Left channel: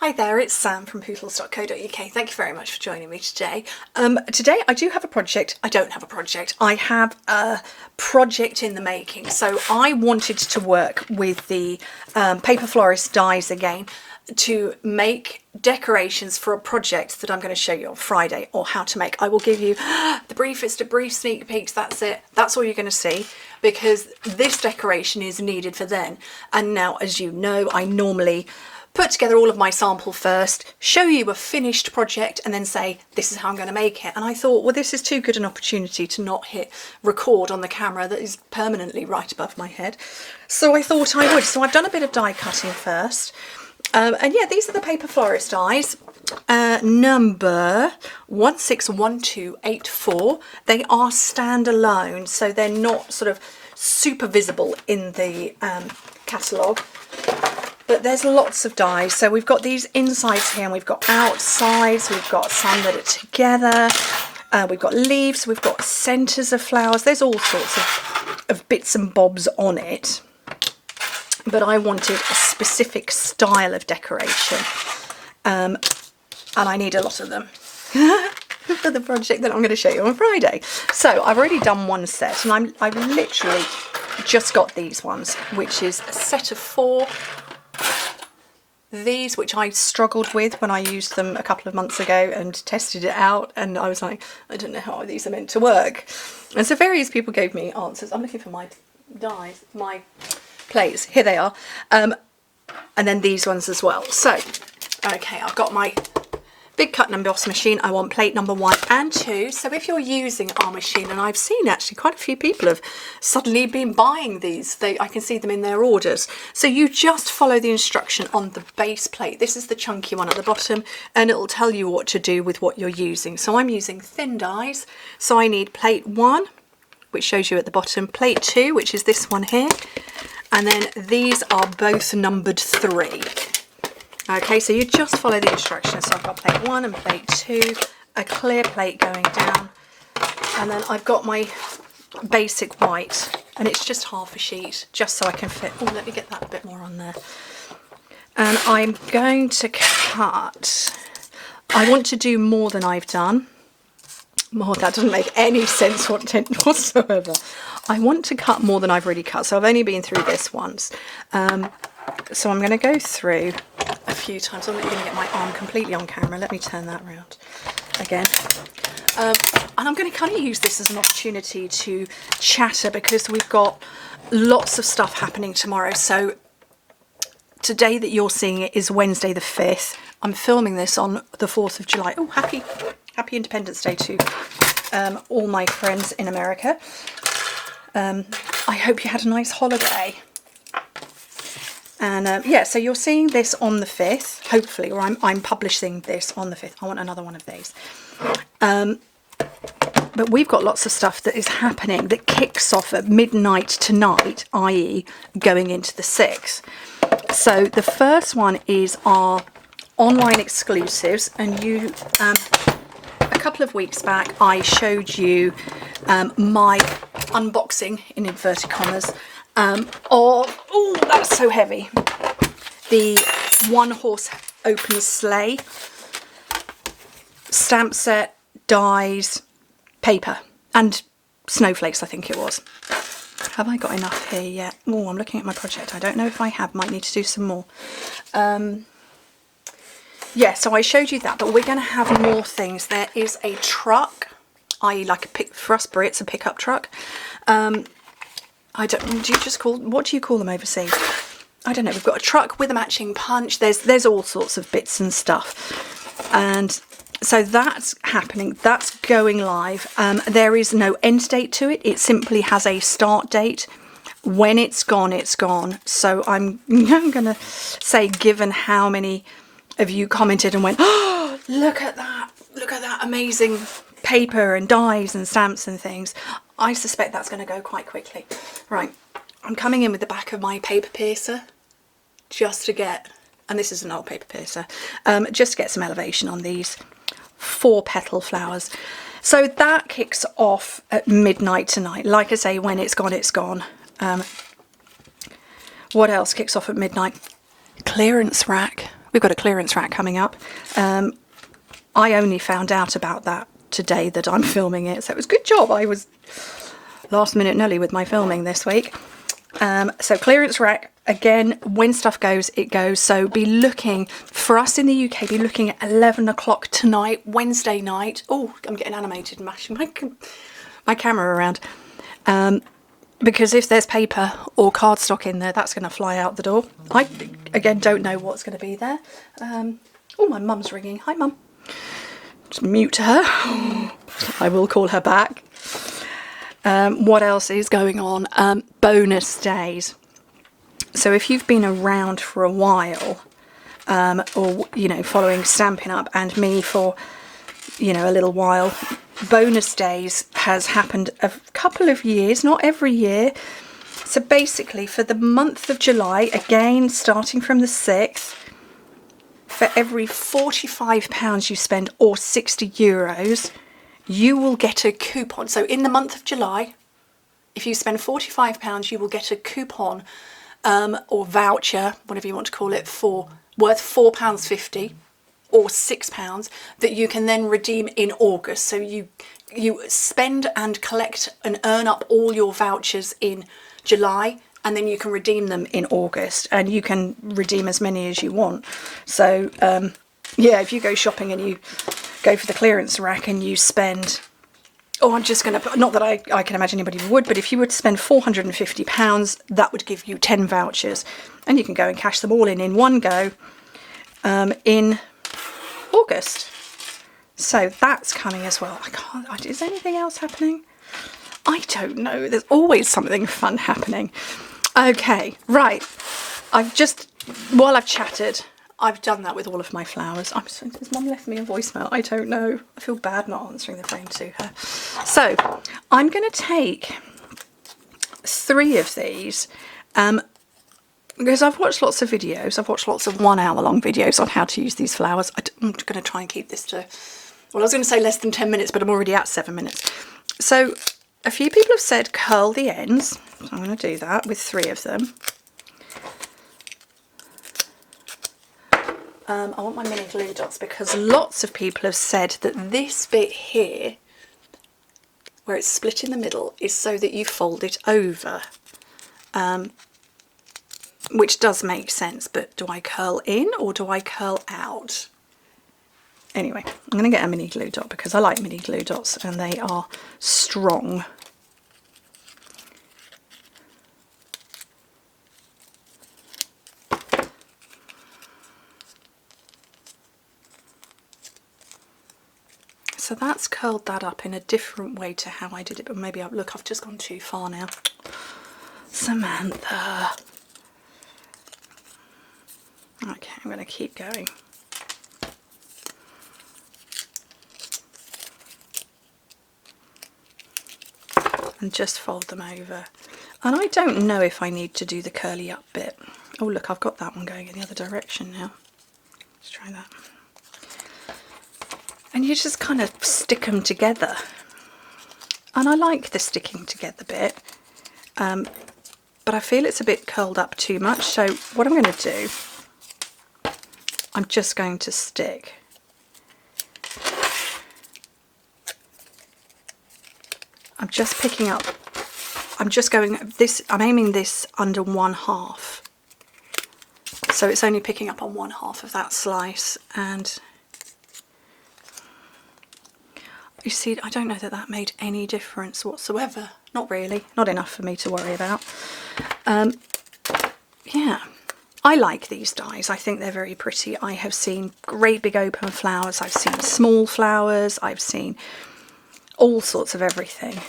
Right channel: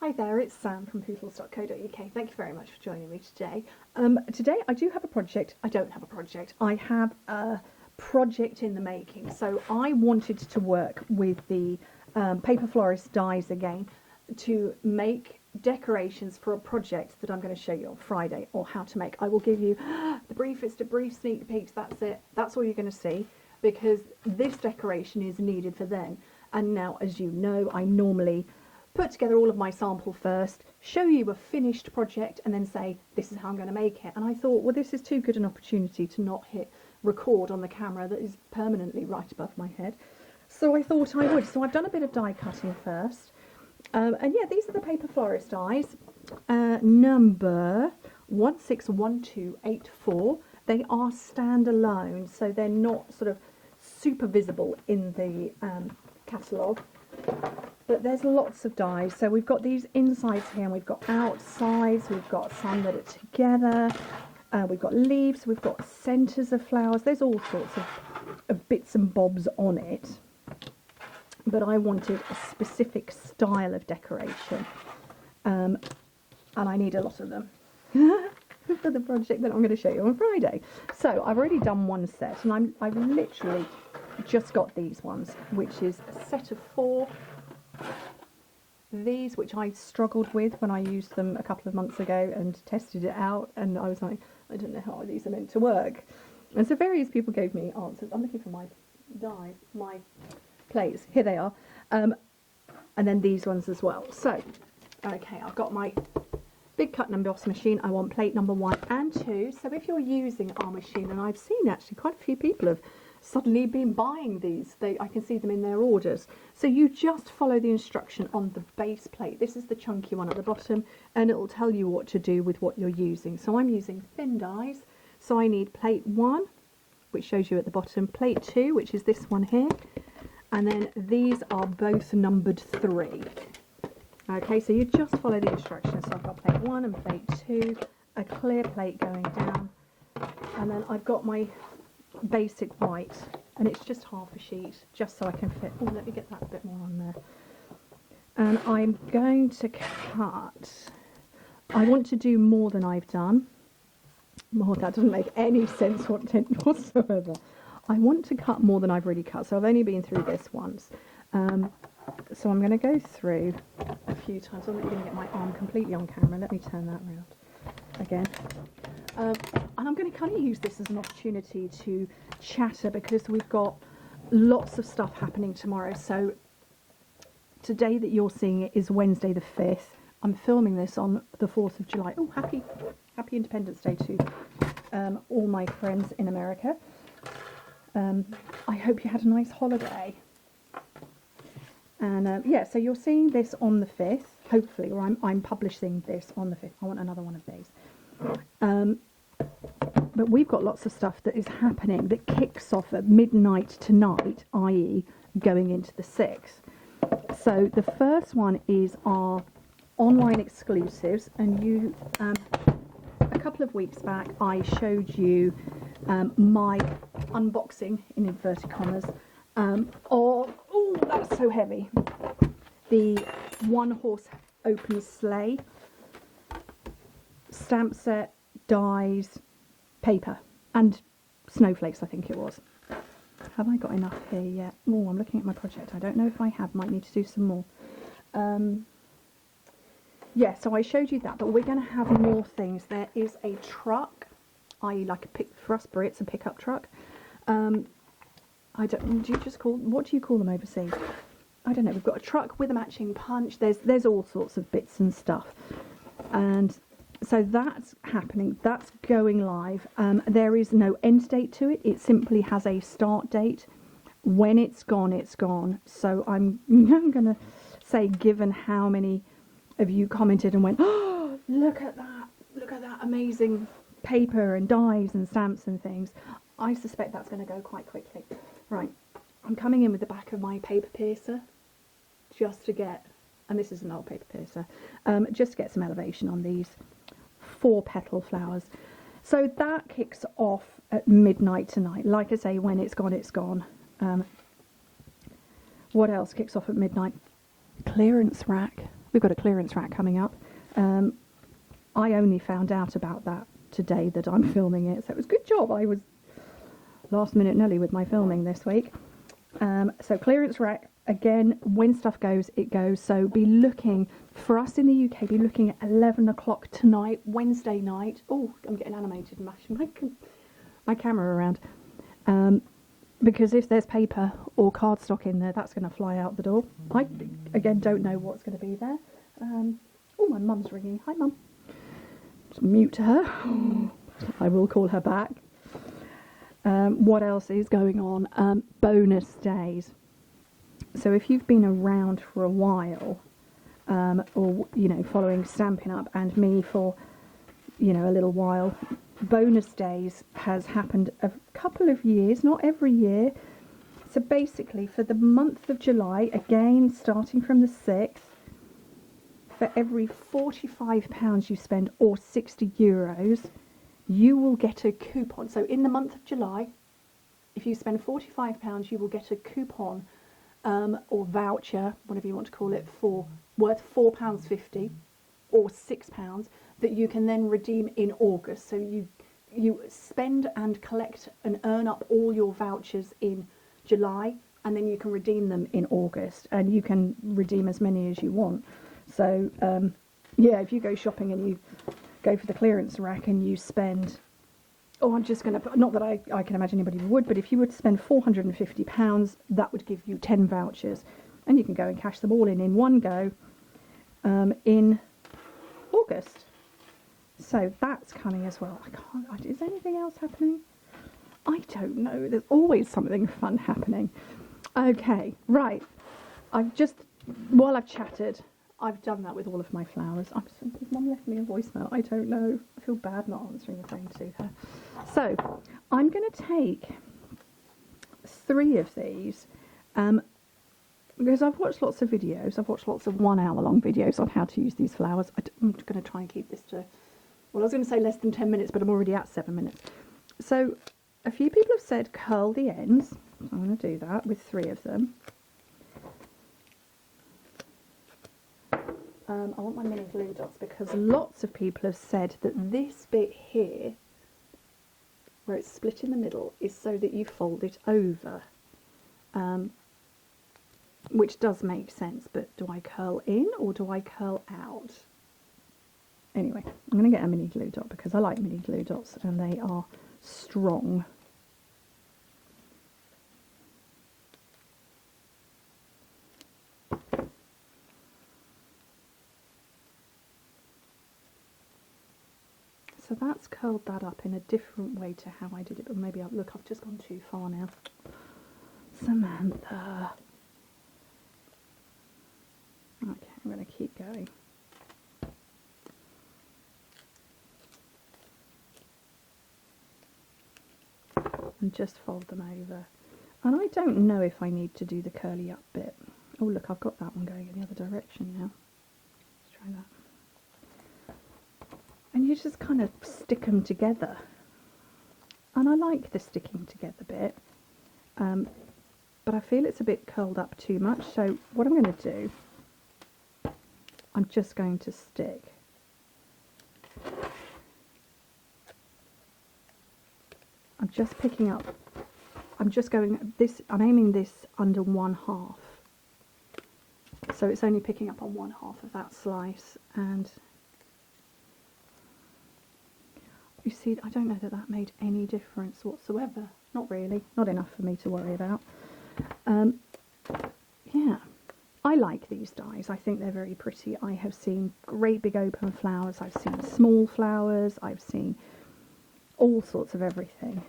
Hi there, it's Sam from Pootles.co.uk. Thank you very much for joining me today. Today I do have a project. I don't have a project. I have a project in the making. So I wanted to work with the Paper Florist dies again to make decorations for a project that I'm going to show you on Friday, or how to make. I will give you the briefest of brief sneak peeks. That's it. That's all you're going to see, because this decoration is needed for then. And now, as you know, I normally put together all of my sample first, show you a finished project, and then say, this is how I'm going to make it. And I thought, well, this is too good an opportunity to not hit record on the camera that is permanently right above my head. So I thought I would. So I've done a bit of die cutting first. And yeah, these are the Paper Florist dies, number 161284. They are standalone, so they're not sort of super visible in the catalogue. But there's lots of dies. So we've got these insides here, and we've got outsides, we've got some that are together, we've got leaves, we've got centres of flowers. There's all sorts of bits and bobs on it. But I wanted a specific style of decoration, and I need a lot of them for the project that I'm going to show you on Friday. So I've already done one set, and I've literally just got these ones, which is a set of 4. These, which I struggled with when I used them a couple of months ago and tested it out, and I was like, I don't know how these are meant to work. And so various people gave me answers. I'm looking for my dies, my plates. Here they are. And then these ones as well. So, okay, I've got my big cut and emboss machine. I want plate number 1 and 2. So if you're using our machine, and I've seen actually quite a few people have suddenly been buying these, I can see them in their orders. So you just follow the instruction on the base plate. This is the chunky one at the bottom, and it'll tell you what to do with what you're using. So I'm using thin dies. So I need plate 1, which shows you at the bottom, plate 2, which is this one here, and then these are both numbered 3. Okay, so you just follow the instructions. So I've got plate 1 and plate 2, a clear plate going down, and then I've got my basic white, and it's just half a sheet, just so I can fit. Oh, let me get that a bit more on there. And I'm going to cut. I want to do more than I've done. More, that doesn't make any sense whatsoever. I want to cut more than I've already cut, so I've only been through this once. So I'm going to go through a few times. I'm not going to get my arm completely on camera. Let me turn that around again. And I'm going to kind of use this as an opportunity to chatter, because we've got lots of stuff happening tomorrow. So today that you're seeing it is Wednesday the 5th. I'm filming this on the 4th of July. Oh, happy Independence Day to all my friends in America. I hope you had a nice holiday. And yeah, so you're seeing this on the 5th, hopefully, or I'm publishing this on the 5th. I want another one of these. But we've got lots of stuff that is happening that kicks off at midnight tonight, i.e. going into the 6th. So the first one is our online exclusives, and you, a couple of weeks back, I showed you my unboxing, in inverted commas, of, oh, that's so heavy, the one horse open sleigh, stamp set, dies, paper, and snowflakes, I think it was. Have I got enough here yet? Oh, I'm looking at my project. I don't know if I have. Might need to do some more. Yeah, so I showed you that, but we're going to have more things. There is a truck, i.e. like for us Brits, a pickup truck. I don't, do you just call, what do you call them overseas? I don't know. We've got a truck with a matching punch. There's all sorts of bits and stuff. And so that's happening. That's going live. There is no end date to it. It simply has a start date. When it's gone, it's gone. So I'm going to say, given how many of you commented and went, oh, look at that amazing paper and dies and stamps and things, I suspect that's going to go quite quickly. Right, I'm coming in with the back of my paper piercer just to get, and this is an old paper piercer, just to get some elevation on these 4 petal flowers. So that kicks off at midnight tonight. Like I say, when it's gone, it's gone. What else kicks off at midnight? Clearance rack. we've got a clearance rack coming up. I only found out about that today that I'm filming it, so it was a good job. I was last minute Nelly with my filming this week. So clearance rack, again, when stuff goes, it goes. So be looking, for us in the UK, be looking at 11 o'clock tonight, Wednesday night. Oh, I'm getting animated and mashing my camera around. Because if there's paper or cardstock in there, that's going to fly out the door. I, again, don't know what's going to be there. Oh, my mum's ringing. Hi, Mum. Just mute her. I will call her back. What else is going on? Bonus days. So if you've been around for a while, or, you know, following Stampin' Up and me for, you know, a little while, bonus days has happened a couple of years, not every year. So basically for the month of July, again, starting from the 6th, for every £45 you spend or €60, you will get a coupon. So in the month of July, if you spend £45, you will get a coupon or voucher, whatever you want to call it, for worth £4.50 or £6 that you can then redeem in August. So you spend and collect and earn up all your vouchers in July, and then you can redeem them in August, and you can redeem as many as you want. So yeah, if you go shopping and you go for the clearance rack and you spend, oh, I'm just going to, not that I can imagine anybody would, but if you were to spend £450, that would give you 10 vouchers, and you can go and cash them all in one go in August. So that's coming as well. Is anything else happening? I don't know. There's always something fun happening. Okay, right. While I've chatted, I've done that with all of my flowers. Has Mum left me a voicemail? I don't know. I feel bad not answering the phone to her. So I'm going to take 3 of these because I've watched lots of videos. I've watched lots of 1 hour long videos on how to use these flowers. I'm going to try and keep this to, well, I was going to say less than 10 minutes, but I'm already at 7 minutes. So a few people have said curl the ends. So I'm going to do that with 3 of them. I want my mini glue dots because lots of people have said that this bit here, where it's split in the middle, is so that you fold it over. Which does make sense, but do I curl in or do I curl out? Anyway, I'm going to get a mini glue dot because I like mini glue dots and they are strong. So that's curled that up in a different way to how I did it, but maybe look, I've just gone too far now. Samantha. Okay, I'm going to keep going. And just fold them over. And I don't know if I need to do the curly up bit. Oh look, I've got that one going in the other direction now. Let's try that. And you just kind of stick them together. And I like the sticking together bit. But I feel it's a bit curled up too much. So what I'm going to do, I'm just going to stick I'm just picking up, I'm just going this, I'm aiming this under 1/2. So it's only picking up on 1/2 of that slice, and you see, I don't know that that made any difference whatsoever. Not really, not enough for me to worry about. Yeah, I like these dies. I think they're very pretty. I have seen great big open flowers. I've seen small flowers. I've seen all sorts of everything.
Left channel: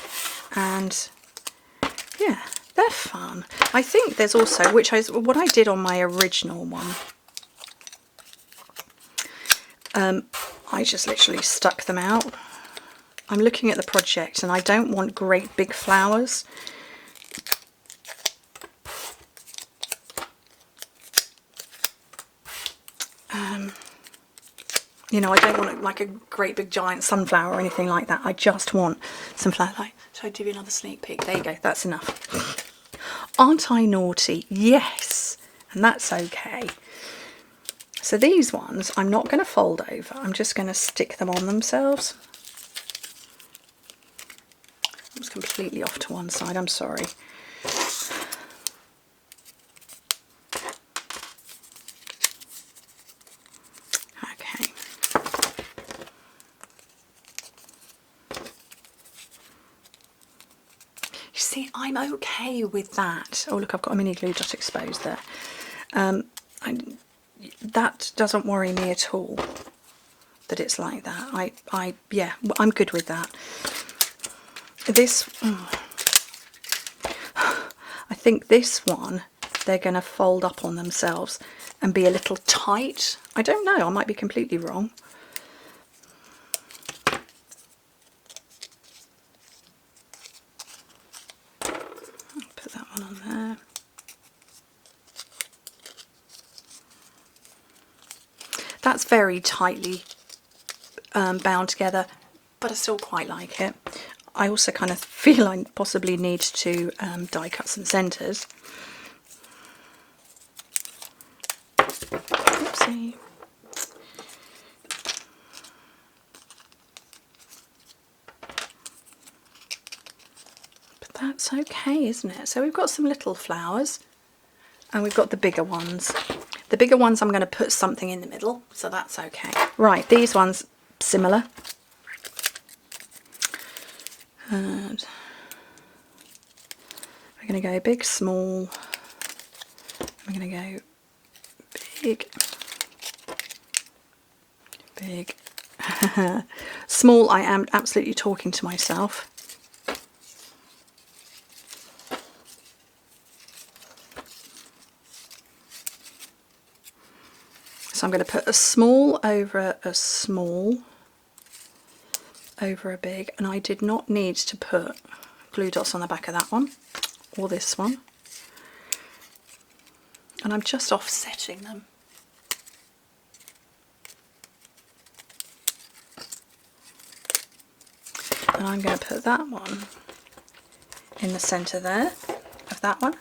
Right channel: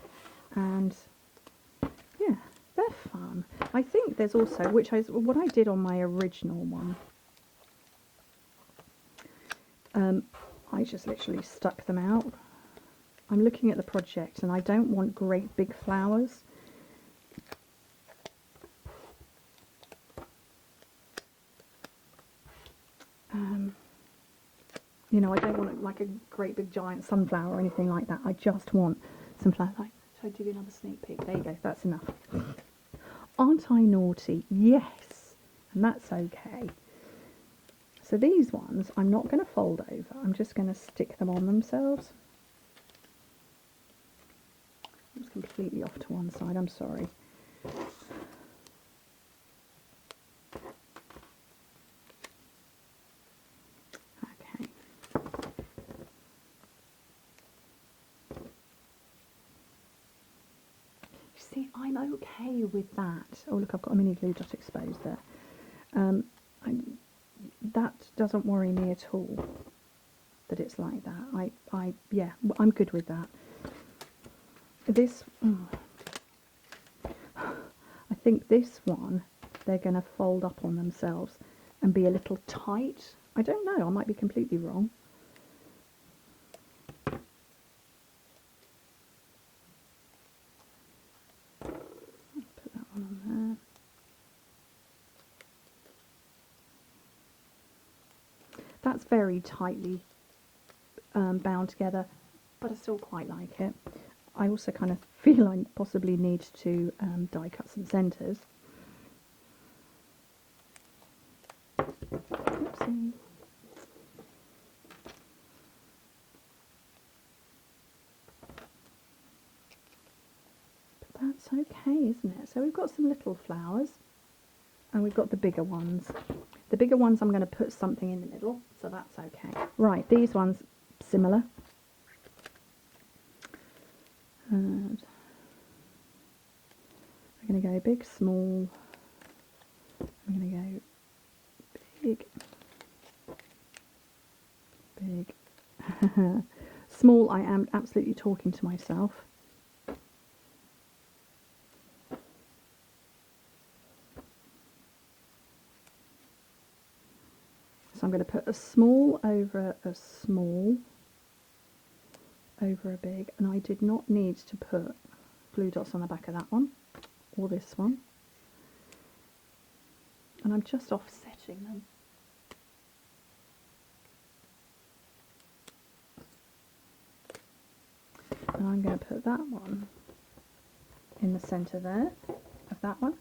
And yeah, they're fun. I think there's also, which is what I did on my original one. I just literally stuck them out. I'm looking at the project and I don't want great big flowers. You know, I don't want like a great big giant sunflower or anything like that. I just want some flower. Like, should I give you another sneak peek? There you go, that's enough. Aren't I naughty? Yes, and that's okay. So these ones, I'm not going to fold over. I'm just going to stick them on themselves. I was completely off to one side, I'm sorry. Okay. You see, I'm okay with that. Oh look, I've got a mini glue dot exposed there. That doesn't worry me at all, that it's like that. Yeah, I'm good with that. This, I think this one, they're going to fold up on themselves and be a little tight. I don't know, I might be completely wrong. Put that one on there. That's very tightly bound together, but I still quite like it. I also kind of feel I possibly need to die cut some centres. Oopsie. But that's okay, isn't it? So we've got some little flowers and we've got the bigger ones. The bigger ones I'm going to put something in the middle, so that's okay. Right, these ones, similar. And we're going to go big, small. We're going to go big, big, small. I am absolutely talking to myself. So I'm going to put a small over a small over a big, and I did not need to put glue dots on the back of that one or this one, and I'm just offsetting them. And I'm going to put that one in the centre there of that one.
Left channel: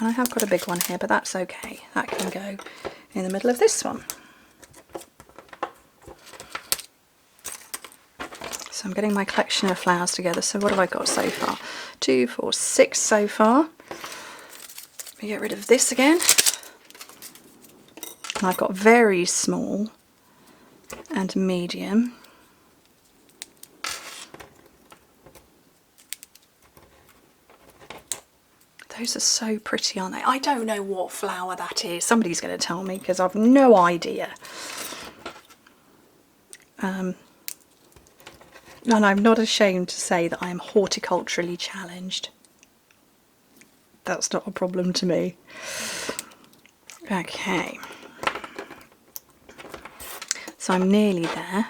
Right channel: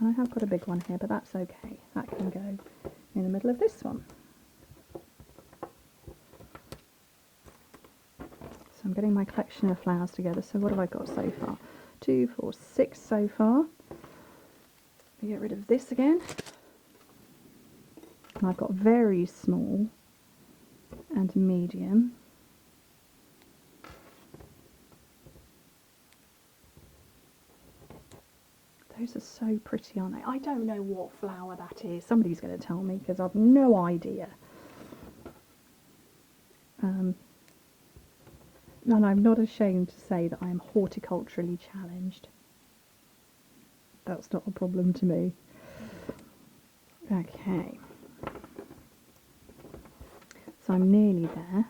And I have got a big one here, but that's okay. That can go in the middle of this one. So I'm getting my collection of flowers together. So what have I got so far? 2, 4, 6 so far. Let me get rid of this again. And I've got very small and medium. Those are so pretty, aren't they? I don't know what flower that is. Somebody's going to tell me because I've no idea. And I'm not ashamed to say that I am horticulturally challenged. That's not a problem to me. Okay. So I'm nearly there.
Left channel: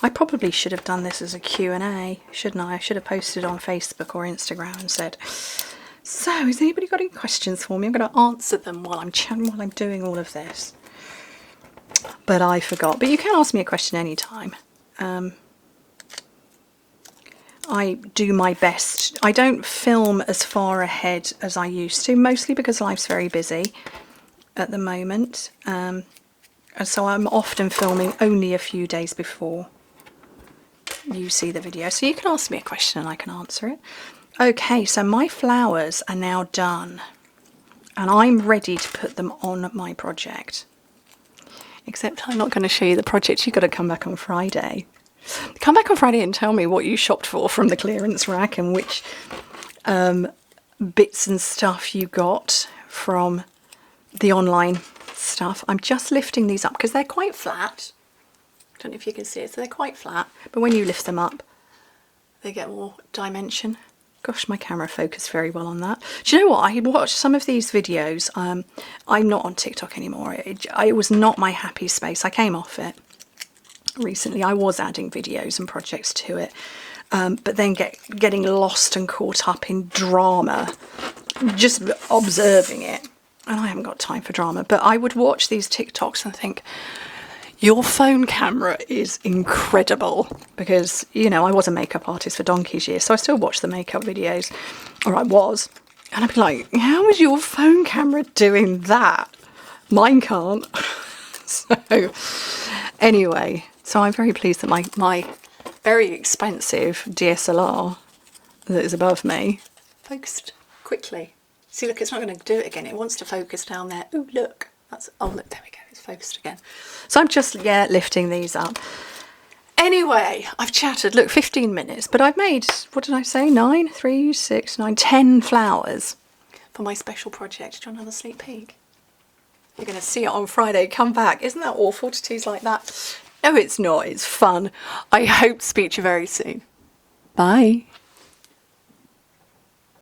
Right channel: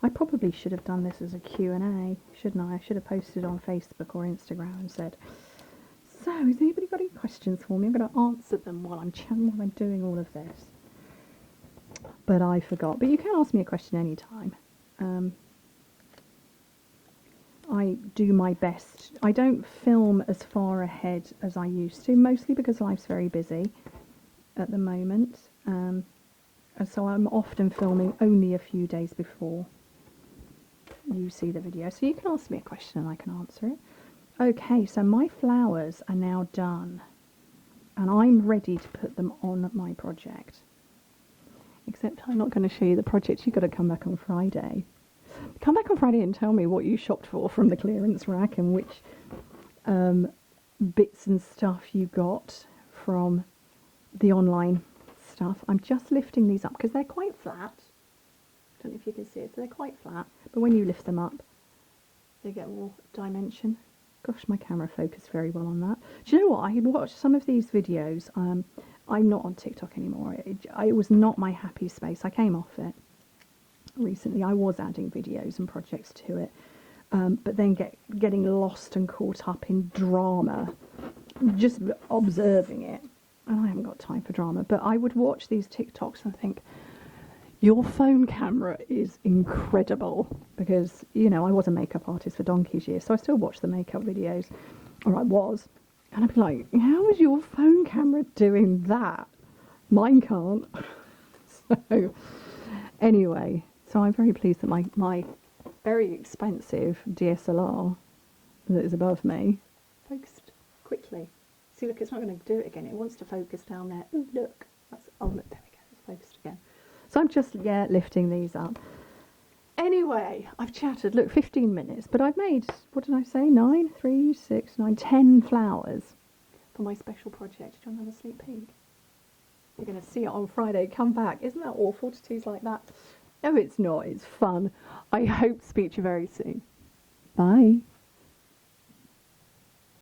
I probably should have done this as a Q&A, shouldn't I? I should have posted on Facebook or Instagram and said, so has anybody got any questions for me? I'm going to answer them while I'm doing all of this. But I forgot. But you can ask me a question anytime. I do my best. I don't film as far ahead as I used to, mostly because life's very busy at the moment. And so I'm often filming only a few days before you see the video. So you can ask me a question and I can answer it. Okay, so my flowers are now done. And I'm ready to put them on my project. Except I'm not going to show you the project. You've got to come back on Friday. Come back on Friday and tell me what you shopped for from the clearance rack and which bits and stuff you got from the online stuff. I'm just lifting these up because they're quite flat. I don't know if you can see it, so they're quite flat. But when you lift them up, they get more dimension. Gosh, my camera focused very well on that. Do you know what? I watched some of these videos. I'm not on TikTok anymore. It was not my happy space. I came off it recently. I was adding videos and projects to it. But then getting lost and caught up in drama, just observing it. And I haven't got time for drama. But I would watch these TikToks and think, your phone camera is incredible, because, you know, I was a makeup artist for donkey's years, so I still watch the makeup videos, or I was, And I'd be like, how is your phone camera doing that? Mine can't. So anyway, so I'm very pleased that my very expensive DSLR that is above me focused quickly. See, look, it's not going to do it again. It wants to focus down there. Oh, look. Oh, look, there we go. It's focused again. So I'm just, lifting these up. Anyway, I've chatted, look, 15 minutes, but I've made, what did I say, 9, 3, 6, 9, 10 flowers for my special project. Do you want another sneak peek? You're going to see it on Friday. Come back. Isn't that awful to tease like that? No, it's not. It's fun. I hope to speak to you very soon. Bye.